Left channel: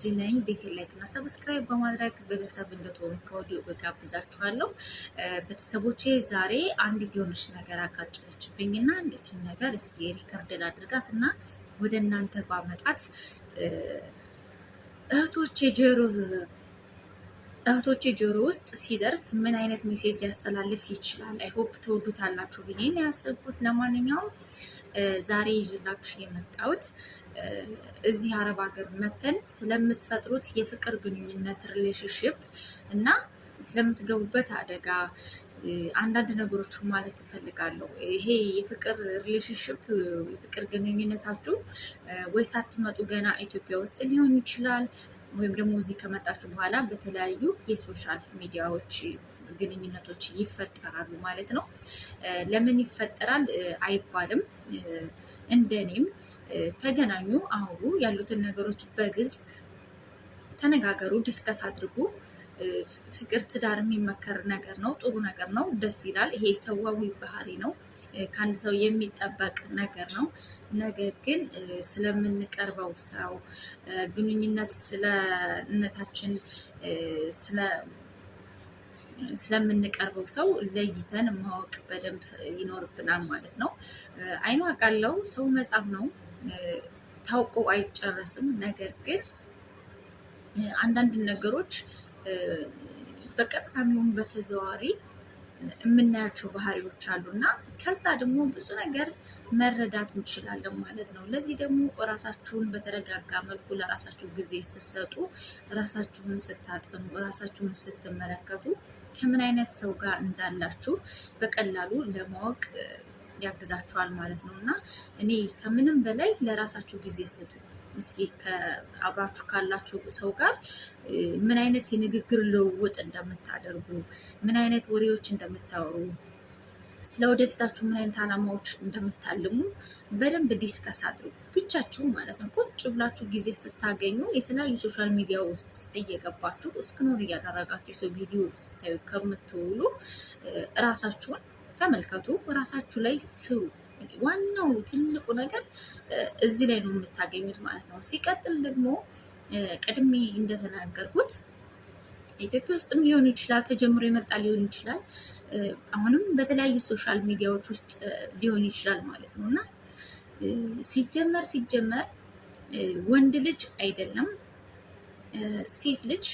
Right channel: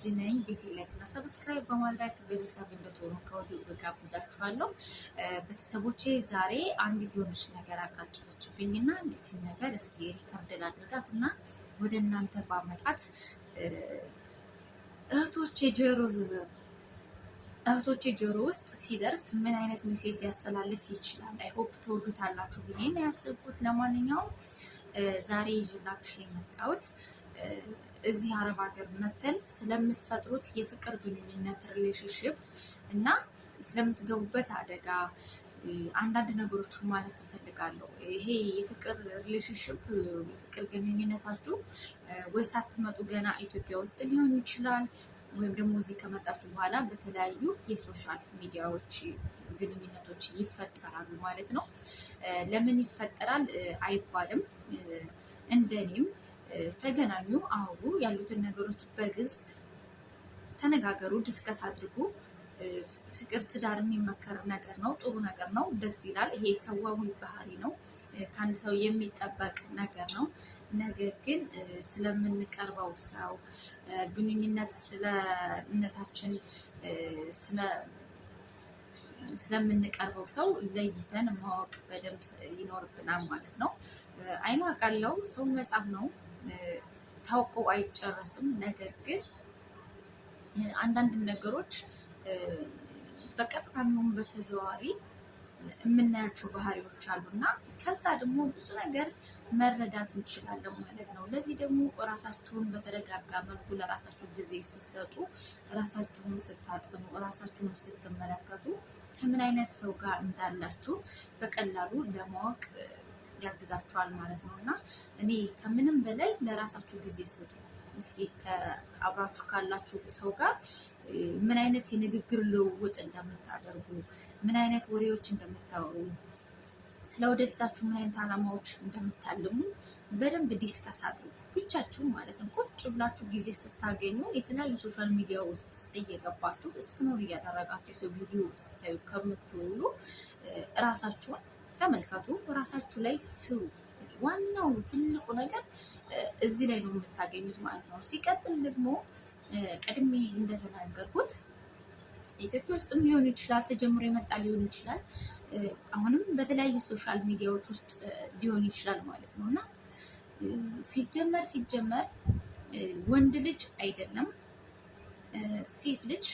ጂናይ ቤቴን ላይክ እና ሰብስክራይብ በማድረግ ቤተሰብ እንድትሆኑ ከወዲሁ እጋብዛችኋለሁ። ቤተሰቦቼ ዛሬ አንዲት የሆነች ነገር አጋጨችብኝና እቺን ነገር እስኪ ሪከርድ አድርጋት እና ወደ እናንተ ባመጣት እህቶቼ ጆሮ ውስጥ ሲደርስ ምን አይነት ሜሴጅ ሊያስተላልፍ ይችላል? አይ ሆፕ ተወዱታላችሁ ብዬ ነው ያሰብኩት። ለማንኛውም ዛሬ ይዤላችሁ የመጣሁት እዚህ አረብ ሀገር መተን ስለምትፈጥሩት የፍቅር ግንኙነት ሪሌሽንሽፕ እና ስለምትገቡበት አደጋ አንዳንድ ነገሮች ማለት ትፈልጋለሁ። ይሄ የፍቅር ሪሌሽንሽፕ የፍቅር ግንኙነታችሁ ወይ ሳትመጡ ገና ኢትዮጵያ ውስጥ ሊሆን ይችላል፣ ወይም ደግሞ እዚህ ከመጣችሁ በኋላ በተለያዩ የሶሻል ሚዲያዎች ግንኙነቶች ይፈጠራሉ ማለት ነው። ለምን ይፈጠራል አይባልም። እንደኔም ተገናኙ፣ አውሩ፣ ያሉትን ነገሮች በግልጽ ተነጋገሩ፣ ዲስከስ አድርጉ። ፍቅር ትዳር የሚመከር ነገር ነው፣ ጥሩ ነገር ነው፣ ደስ ይላል። ይሄ ሰዋዊ ባህሪ ነው፣ ከአንድ ሰው የሚጠበቅ ነገር ነው። ነገር ግን ስለምንቀርበው ሰው ግንኙነት ስለነታችን ስለምንቀርበው ሰው ለይተን ማወቅ በደንብ ይኖርብናል ማለት ነው። አይኗ ቃለው ሰው መጻፍ ነው፣ ታውቆ አይጨረስም። ነገር ግን አንዳንድ ነገሮች በቀጥታም ይሁን በተዘዋዋሪ የምናያቸው ባህሪዎች አሉ እና ከዛ ደግሞ ብዙ ነገር መረዳት እንችላለን ማለት ነው። ለዚህ ደግሞ ራሳችሁን በተረጋጋ መልኩ ለራሳችሁ ጊዜ ስትሰጡ፣ ራሳችሁን ስታጠኑ፣ ራሳችሁን ስትመለከቱ ከምን አይነት ሰው ጋር እንዳላችሁ በቀላሉ ለማወቅ ያግዛችኋል ማለት ነው። እና እኔ ከምንም በላይ ለራሳችሁ ጊዜ ስጡ። እስኪ አብራችሁ ካላችሁ ሰው ጋር ምን አይነት የንግግር ልውውጥ እንደምታደርጉ፣ ምን አይነት ወሬዎች እንደምታወሩ፣ ስለ ወደፊታችሁ ምን አይነት አላማዎች እንደምታልሙ በደንብ ዲስከስ አድርጉ፣ ብቻችሁ ማለት ነው። ቁጭ ብላችሁ ጊዜ ስታገኙ የተለያዩ ሶሻል ሚዲያ ውስጥ እየገባችሁ እስክኖር እያደረጋችሁ የሰው ቪዲዮ ስታዩ ከምትውሉ እራሳችሁን ተመልከቱ፣ እራሳችሁ ላይ ስሩ። ዋናው ትልቁ ነገር እዚህ ላይ ነው የምታገኙት ማለት ነው። ሲቀጥል ደግሞ ቀድሜ እንደተናገርኩት ኢትዮጵያ ውስጥም ሊሆን ይችላል፣ ተጀምሮ የመጣ ሊሆን ይችላል፣ አሁንም በተለያዩ ሶሻል ሚዲያዎች ውስጥ ሊሆን ይችላል ማለት ነው። እና ሲጀመር ወንድ ልጅ አይደለም ሴት ልጅ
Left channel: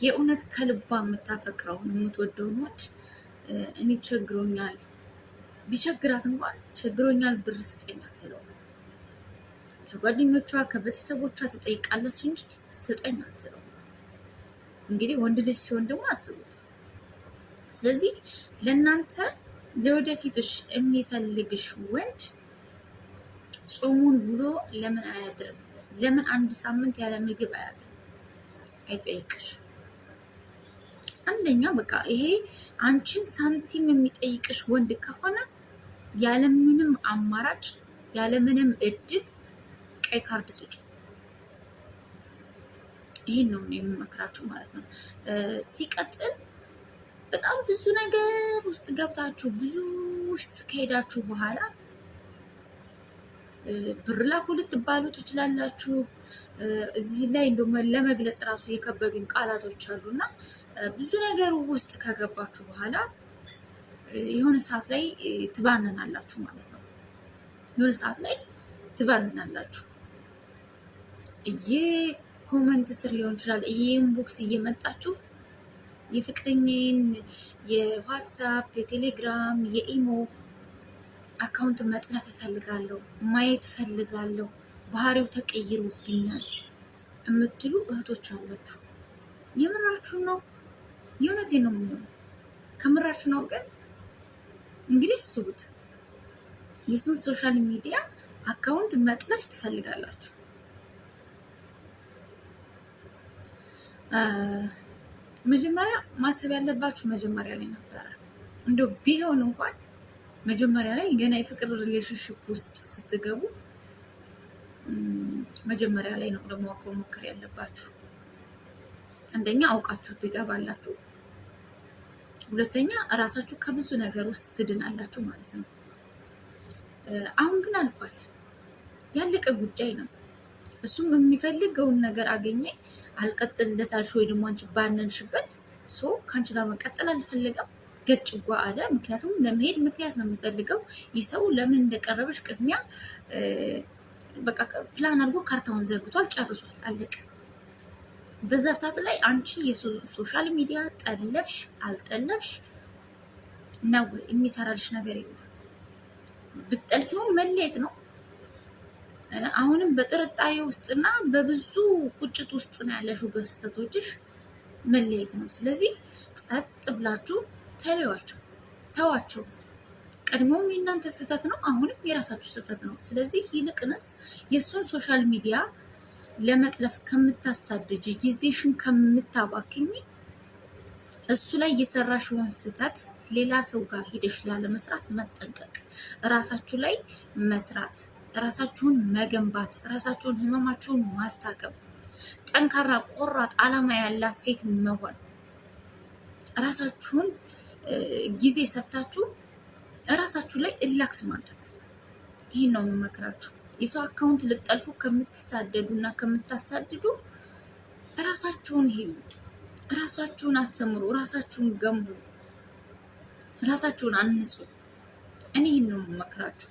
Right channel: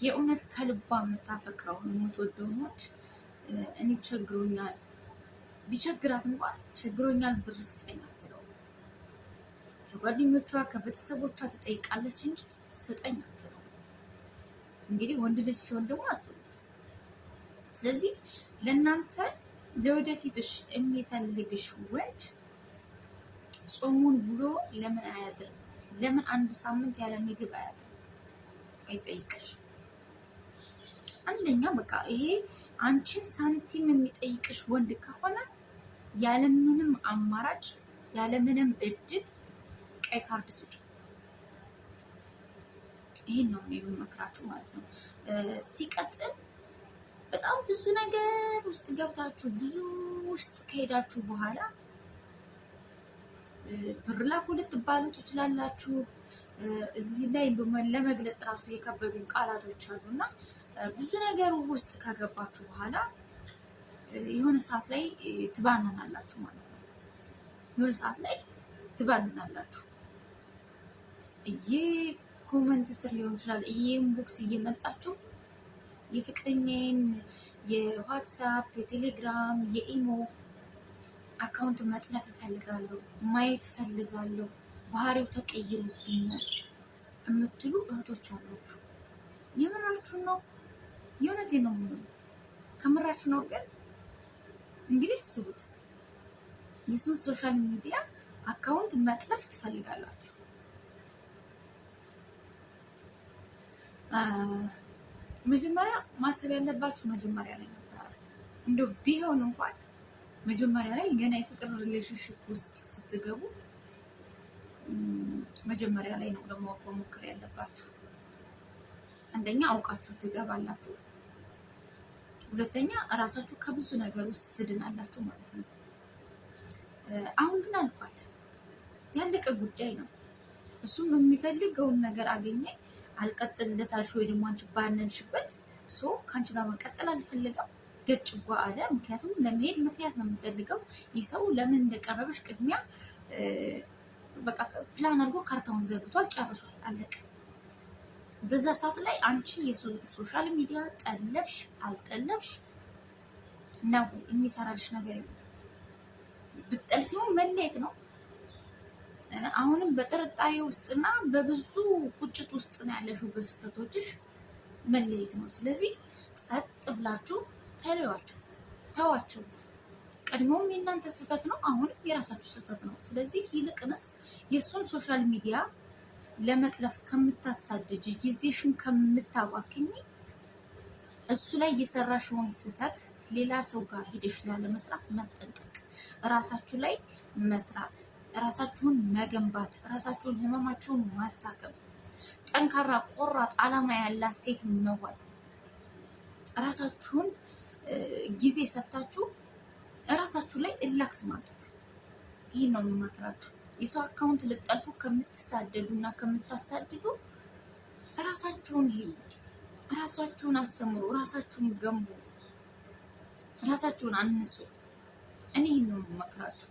የእውነት ከልባ የምታፈቅረውን የምትወደውን ወንድ እኔ ቸግሮኛል፣ ቢቸግራት እንኳን ቸግሮኛል ብር ስጠኝ አትለው። ከጓደኞቿ ከቤተሰቦቿ ትጠይቃለች እንጂ ስጠኝ አትለው። እንግዲህ ወንድ ልጅ ሲሆን ደግሞ አስቡት። ስለዚህ ለእናንተ ለወደፊትሽ የሚፈልግሽ ወንድ ጾሙን ብሎ ለምን አያድርም? ለምን አንድ ሳምንት ያለ ምግብ አያድርም? አይጠይቅሽ። አንደኛ በቃ ይሄ አንቺን ሳንቲም የሚጠይቅሽ ወንድ ከሆነ ያለምንም አማራጭ ያለምንም እድል ቀይ ካርድ ስጪ። ይሄን ነው የምመክራችሁ ማለት ነው። ሲቀጥል በጣም ብዙ ነገር ውስጥ ገብታችሁ ብዙ ውስጥ ከሄዳችሁ በኋላ ብር ላኩ ልትባሉ ትችላላችሁ። እዚህ ላይ እንደውም ለመግለጽ ራሱ የከበዱኝ ቃላቶች አሉና ብዙ ነገር ውስጥ ከገባችሁ በኋላ የሆነ ሰዓት ላይ ትባንናላችሁ ማለት ነው። የሆነ ሰዓት ላይ ትባንናላችሁ። ኮመንት ስር ሊሆን ይችላል ኢንቦክስ እየመጣችሁ የፍቅረኛዬን የዋትሳፕ፣ የቴሌግራም፣ የኢሞ አካውንት መጥለፍ እፈልጋለሁ፣ ማየት እፈልጋለሁ፣ ባህሪው ተቀይሮብኛል የምትሉ እህቶች አላችሁ። የምራችሁ ነው? የእውነቴን ነው የምለው። ከምራችሁ ነው? ግን እንግዲህ አስቡት፣ የሱን ሶሻል ሚዲያ አካውንት መጥለፍ ትፈልጋላችሁ። መጀመሪያ ማሰብ ያለባችሁ መጀመሪያ ላይ ነበረ። እንደው ቢሆን እንኳን መጀመሪያ ላይ ገና የፍቅር ሪሌሽንሽፕ ውስጥ ስትገቡ መጀመሪያ ላይ ነው ለማወቅ መሞከር ያለባችሁ። አንደኛ አውቃችሁ ትገባላችሁ፣ ሁለተኛ እራሳችሁ ከብዙ ነገር ውስጥ ትድናላችሁ ማለት ነው። አሁን ግን አልቋል፣ ያለቀ ጉዳይ ነው። እሱም የሚፈልገውን ነገር አገኘ፣ አልቀጥልለታልሽ ወይ ደግሞ አንቺ ባነንሽበት ከአንቺ ጋር መቀጠል አልፈለገም ገጭጓ አለ። ምክንያቱም ለመሄድ ምክንያት ነው የሚፈልገው። ይህ ሰው ለምን እንደቀረበሽ ቅድሚያ በቃ ፕላን አድርጎ ካርታውን ዘርግቷል፣ ጨርሷል፣ አለቀ። በዛ ሰዓት ላይ አንቺ የሶሻል ሚዲያ ጠለፍሽ አልጠለፍሽ ነው የሚሰራልሽ ነገር የለም። ብትጠልፊውም መለየት ነው። አሁንም በጥርጣሬ ውስጥና በብዙ ቁጭት ውስጥ ነው ያለሽው። በስህተቶችሽ መለየት ነው። ስለዚህ ጸጥ ብላችሁ ተለዩዋቸው፣ ተዋቸው። ቀድሞውም የእናንተ ስህተት ነው፣ አሁንም የራሳችሁ ስህተት ነው። ስለዚህ ይልቅንስ የእሱን ሶሻል ሚዲያ ለመጥለፍ ከምታሳድጅ ጊዜሽን ከምታባክኝ እሱ ላይ የሰራሽውን ስህተት ሌላ ሰው ጋር ሄደሽ ላለመስራት መጠንቀቅ፣ ራሳችሁ ላይ መስራት፣ ራሳችሁን መገንባት፣ ራሳችሁን ህመማችሁን ማስታከም፣ ጠንካራ ቆራጥ አላማ ያላት ሴት መሆን፣ ራሳችሁን ጊዜ ሰጥታችሁ ራሳችሁ ላይ ሪላክስ ማድረግ። ይህን ነው የምመክራችሁ። የሰው አካውንት ልጠልፉ ከምትሳደዱ እና ከምታሳድዱ ራሳችሁን ሄዱ፣ ራሳችሁን አስተምሩ፣ ራሳችሁን ገንቡ፣ ራሳችሁን አንጹ። እኔ ይህን ነው የምመክራችሁ።